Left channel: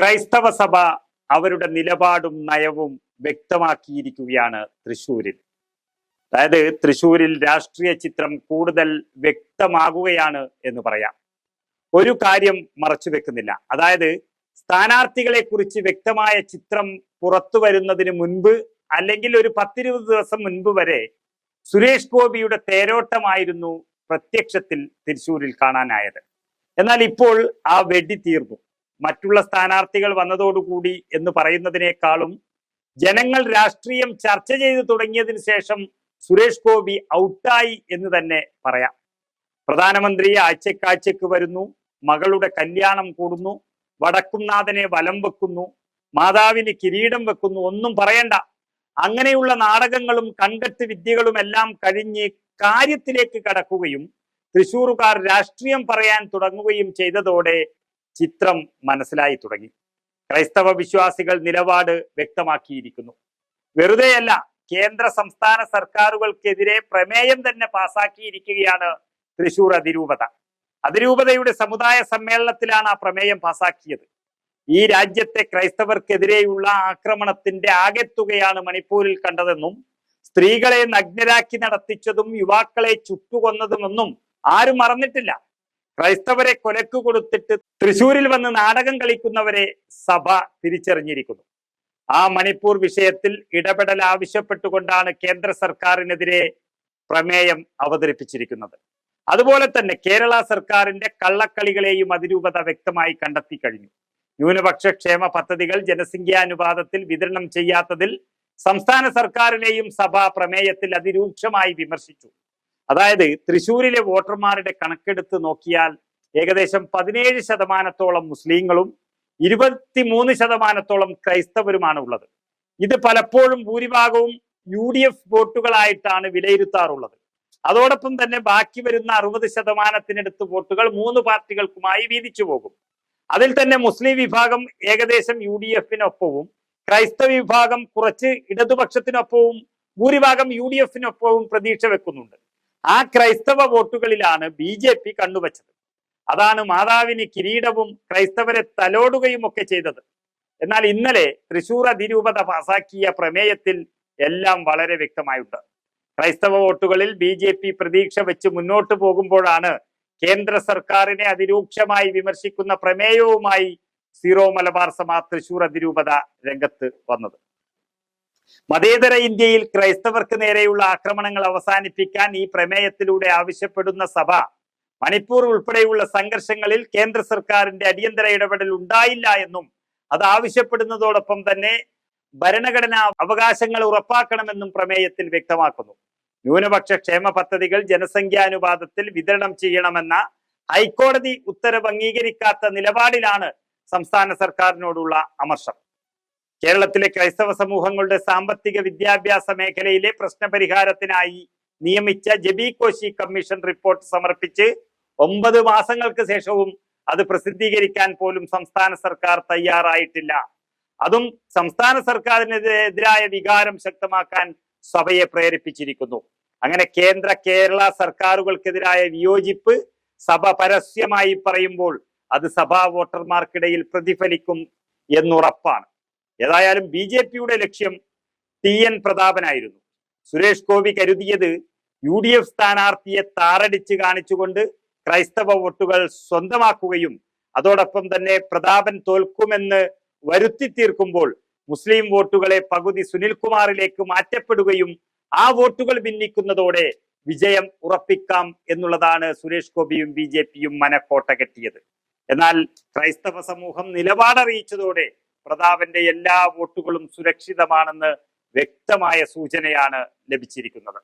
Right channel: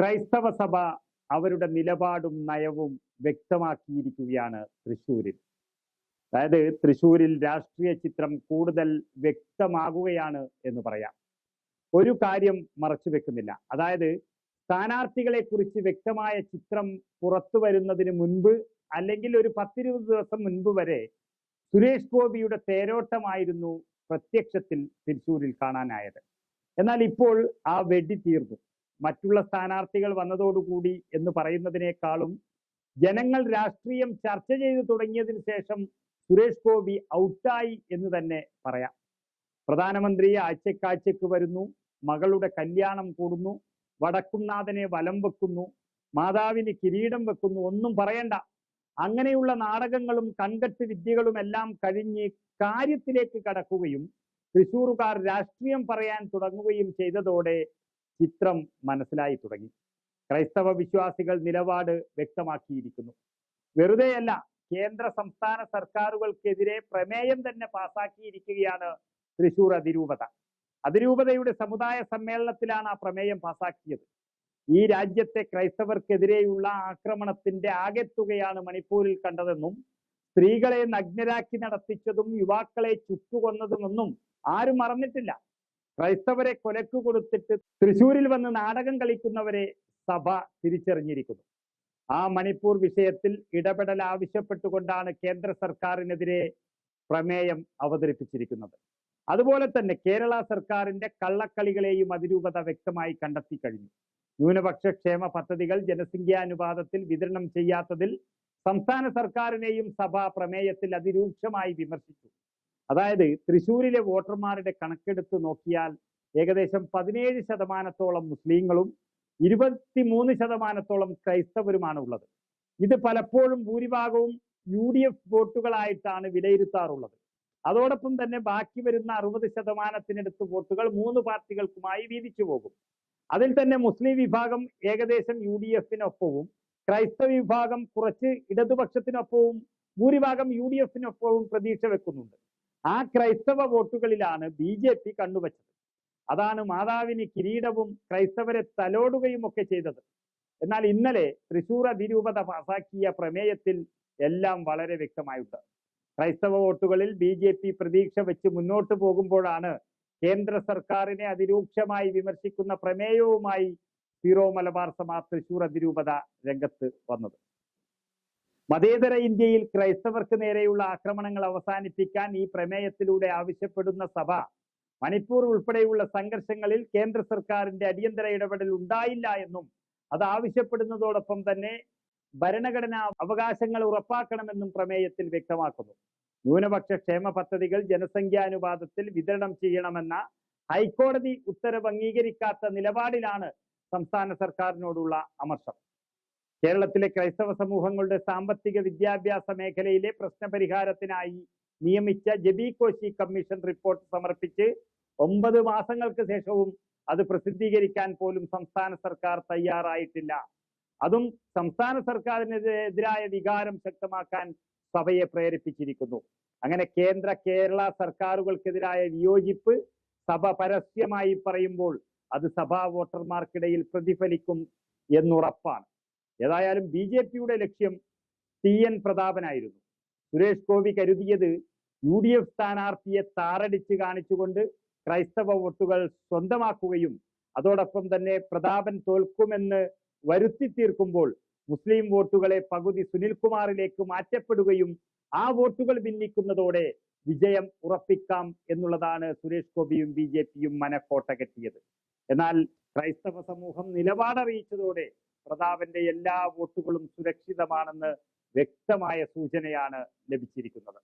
ക്രൈസ്തവ സഭ അവരുടെ നിലപാടും നയവും വ്യക്തമാക്കിയിരിക്കുകയാണ് തൃശൂരിൽ അതായത് തൃശൂരിൽ രാഷ്ട്രീയ ചിത്രം കൂടുതൽ വ്യക്തമാകുകയാണ് എന്ന് പറയാം. ഒരു കാര്യം മറച്ചു വെക്കുന്നില്ല. അതായത് സ്ഥാനാർത്ഥികളെ കുറിച്ച് വ്യക്തമായ ചിത്രം പുറത്തു വരുന്നതിന് മുൻപ് അല്ലെങ്കിൽ ഒരു പത്തിരുപത് ദിവസം മുൻപ് വരെ സുരേഷ് ഗോപിയുടെ തേരോട്ടമായിരുന്നു പ്രത്യക്ഷത്തിൽ തൃശൂരിൽ കാണാനായത്. എന്നാൽ ഇപ്പോൾ ആ വെടി തീർന്നു. മറ്റുള്ള സ്ഥാനാർത്ഥികൾ വന്നതോടുകൂടി എന്ന് പറയുന്നതിനേക്കാളും ജനങ്ങൾ രാഷ്ട്രീയം ചർച്ച ചെയ്തു തുടങ്ങിയതിന് ശേഷം സുരേഷ് ഗോപി ഔട്ടായി എന്ന് തന്നെ പറയാം. പ്രധാനമന്ത്രി ആഴ്ചക്കാഴ്ചക്ക് വരുന്നു മകളുടെ കല്യാണം കൂടുന്നു വടക്കുംനാഥനെ വലം വെക്കുന്നു മാതാവിന് കിരീടം വെക്കുന്നു ഒന്നും പറയണ്ട. അങ്ങനെയുള്ള നാടകങ്ങളും കണ്ടെത്ത് വിദ്യകളും എല്ലാം കഴിഞ്ഞ് കാര്യത്തിലേക്ക് കടക്കുകയും തൃശൂറുകാർ രാഷ്ട്രീയം പറയാൻ തുടങ്ങുകയും ചെയ്തതോടെ ചിത്രം മനസ്സിലായി തുടങ്ങി. ക്രൈസ്തവ വിശ്വാസികൾ നിലപാട് വ്യക്തമാക്കിയിരിക്കുന്നു. വെറുതെയല്ല കേന്ദ്ര സംസ്ഥാന സർക്കാരുകൾക്കെതിരെ പ്രമേയം തന്നെ പാസാക്കിയിരിക്കുകയാണ് തൃശൂർ അതിരൂപത. അതിരൂപതയുടെ സമുദായ സമ്മേളനത്തിലാണ് ആ പ്രമേയം പാസാക്കിയത്. ഈ രാജ്യത്തെ ക്രൈസ്തവർക്കെതിരെയുള്ള ആക്രമണത്തിന്റെ ആകെത്തുകയാണ് മണിപ്പൂരിൽ കണ്ടതെന്നും സ്ത്രീകളെ നഗ്നരാക്കി നടത്തിച്ചതും യുവാക്കളെ ചുട്ടുകൊന്നതുമെന്നും ആരും മറന്നിട്ടില്ല. ക്രൈസ്തവരെ കൊലക്കു കൊടുത്തിട്ട് തൃശൂരിൽ വന്ന് നാടകം കളിക്കുന്നവരെ സഭ തിരിച്ചറിഞ്ഞിരിക്കുന്നു. ആ മണിപ്പൂർ വിഷയത്തിൽ ഇടപെടൽ ആവശ്യപ്പെട്ടുകൊണ്ടാണ് കേന്ദ്ര സർക്കാരിനെതിരെ പ്രമേയം അവതരിപ്പിച്ചിരിക്കുന്നത്. അതുപോലെ തന്നെ കേരള സർക്കാരിന്റെ കള്ളക്കളികളെയും അതിരൂപത വ്യക്തമായി കണ്ടെത്തി കഴിഞ്ഞു. ന്യൂനപക്ഷ ക്ഷേമ പദ്ധതികൾ ജനസംഖ്യാനുപാതത്തിൽ വിതരണം ചെയ്യാത്തതിൽ സംസ്ഥാന സർക്കാരിനെയും സഭ പ്രമേയത്തിൽ അതിരൂക്ഷമായി വിമർശിച്ചു. അതായത് തൃശ്ശൂരിലെ വോട്ടർമാരുടെ കണക്കെടുത്ത് നോക്കിയാൽ ഏകദേശം പതിനേഴ് ശതമാനത്തോളം മുസ്ലിങ്ങളും ഇരുപത്തിമൂന്ന് ശതമാനത്തോളം ക്രൈസ്തവരുമാണ് ഉള്ളത്. ഇത് പലപ്പോഴും ഭൂരിഭാഗവും യു ഡി എഫ് വോട്ടുകളായിട്ടാണ് വിലയിരുത്താറുള്ളത്. അതോടൊപ്പം തന്നെ ബാക്കി വരുന്ന അറുപത് ശതമാനത്തിനടുത്ത് വോട്ടുകൾ മൂന്ന് പാർട്ടികൾക്കുമായി വീതിച്ചു പോകും. അതിൽ തന്നെ മുസ്ലിം വിഭാഗം ഏകദേശം യു ഡി എഫിനൊപ്പവും ക്രൈസ്തവ വിഭാഗം കുറച്ച് ഇടതുപക്ഷത്തിനൊപ്പവും ഭൂരിഭാഗം യു ഡി എഫിനൊപ്പവും പ്രതീക്ഷ വെക്കുന്നുണ്ട്. ആ ക്രൈസ്തവ വോട്ടുകളിലാണ് ബി ജെ പി കണ്ണുവച്ചത്. അതാണ് മാതാവിന് കിരീടവും ക്രൈസ്തവരെ തലോടുകയും ഒക്കെ ചെയ്തത്. എന്നാൽ ഇന്നലെ തൃശൂർ അതിരൂപത പാസാക്കിയ പ്രമേയത്തിൽ എല്ലാം വളരെ വ്യക്തമായുണ്ട്. ക്രൈസ്തവ വോട്ടുകളിൽ ബി ജെ പി പ്രതീക്ഷ വെച്ച് മുന്നോട്ട് പോകുമ്പോഴാണ് കേന്ദ്ര സർക്കാരിനെ അതിരൂക്ഷമായി വിമർശിക്കുന്ന പ്രമേയവുമായി സീറോ മലബാർ സമാ തൃശൂർ അതിരൂപത രംഗത്ത് വന്നത്. മതേതര ഇന്ത്യയിൽ ക്രൈസ്തവർക്ക് നേരെയുള്ള ആക്രമണങ്ങൾ അവസാനിപ്പിക്കാൻ ഈ പ്രമേയത്തിലൂടെ ആവശ്യപ്പെടുന്ന സഭ മണിപ്പൂർ ഉൾപ്പെടെയുള്ള സംഘർഷങ്ങളിൽ കേന്ദ്ര സർക്കാരിന്റെ അടിയന്തര ഇടപെടൽ ഉണ്ടായില്ല എന്നും അത് ആവശ്യപ്പെടുന്നതോടൊപ്പം തന്നെ ഭരണഘടനാ അവകാശങ്ങൾ ഉറപ്പാക്കണമെന്നും പ്രമേയത്തിൽ വ്യക്തമാക്കുന്നു. ന്യൂനപക്ഷ ക്ഷേമ പദ്ധതികൾ ജനസംഖ്യാനുപാതത്തിൽ വിതരണം ചെയ്യണമെന്ന ഹൈക്കോടതി ഉത്തരവ് അംഗീകരിക്കാത്ത നിലപാടിലാണ് സംസ്ഥാന സർക്കാരിനോടുള്ള അമർഷം. കേരളത്തിലെ ക്രൈസ്തവ സമൂഹങ്ങളുടെ സാമ്പത്തിക വിദ്യാഭ്യാസ മേഖലയിലെ പ്രശ്നപരിഹാരത്തിനായി നിയമിച്ച ജബി കോശി കമ്മീഷൻ റിപ്പോർട്ട് സമർപ്പിച്ച് ഒമ്പത് മാസങ്ങൾക്ക് ശേഷവും അത് പ്രസിദ്ധീകരിക്കാൻ പോലും സംസ്ഥാന സർക്കാർ തയ്യാറായിട്ടില്ല. അതും സംസ്ഥാന സർക്കാരിനെതിരായ വികാരം ശക്തമാക്കാൻ സഭയെ പ്രേരിപ്പിച്ചിരിക്കുന്നു. അങ്ങനെ കേന്ദ്ര കേരള സർക്കാരുകൾക്കെതിരായ വിയോജിപ്പ് സഭ പരസ്യമായി പറയുമ്പോൾ അത് സഭാ വോട്ടർമാർക്കിടയിൽ പ്രതിഫലിക്കും എന്നുറപ്പാണ്. ഏതായാലും ബി ജെ പിയുടെ ലക്ഷ്യം ടി എൻ പ്രതാപനായിരുന്നു. സുരേഷ് ഗോപി കരുതിയത് യു ഡി എഫ് സ്ഥാനാർത്ഥിയെ താറടിച്ച് കാണിച്ചുകൊണ്ട് ക്രൈസ്തവ വോട്ടുകൾ സ്വന്തമാക്കുകയും അതോടൊപ്പം തന്നെ പ്രതാപൻ തോൽക്കുമെന്ന് വരുത്തി തീർക്കുമ്പോൾ മുസ്ലിം വോട്ടുകളെ പകുതി സുനിൽകുമാറിലേക്ക് മാറ്റപ്പെടുകയും ആ വോട്ടുകൾ ഭിന്നിക്കുന്നതോടെ വിജയം ഉറപ്പിക്കാം എന്നുള്ളതാണ് സുരേഷ് ഗോപിയും ബി ജെ പിയും മനക്കോട്ട കെട്ടിയത്. എന്നാൽ ക്രൈസ്തവ സമൂഹം നിലപാടറിയിച്ചതോടെ പ്രതാപന്റെ എല്ലാ വോട്ടുകളും സുരക്ഷിതമാണെന്ന് വ്യക്തമായ സൂചനയാണ് ലഭിച്ചിരിക്കുന്നത്.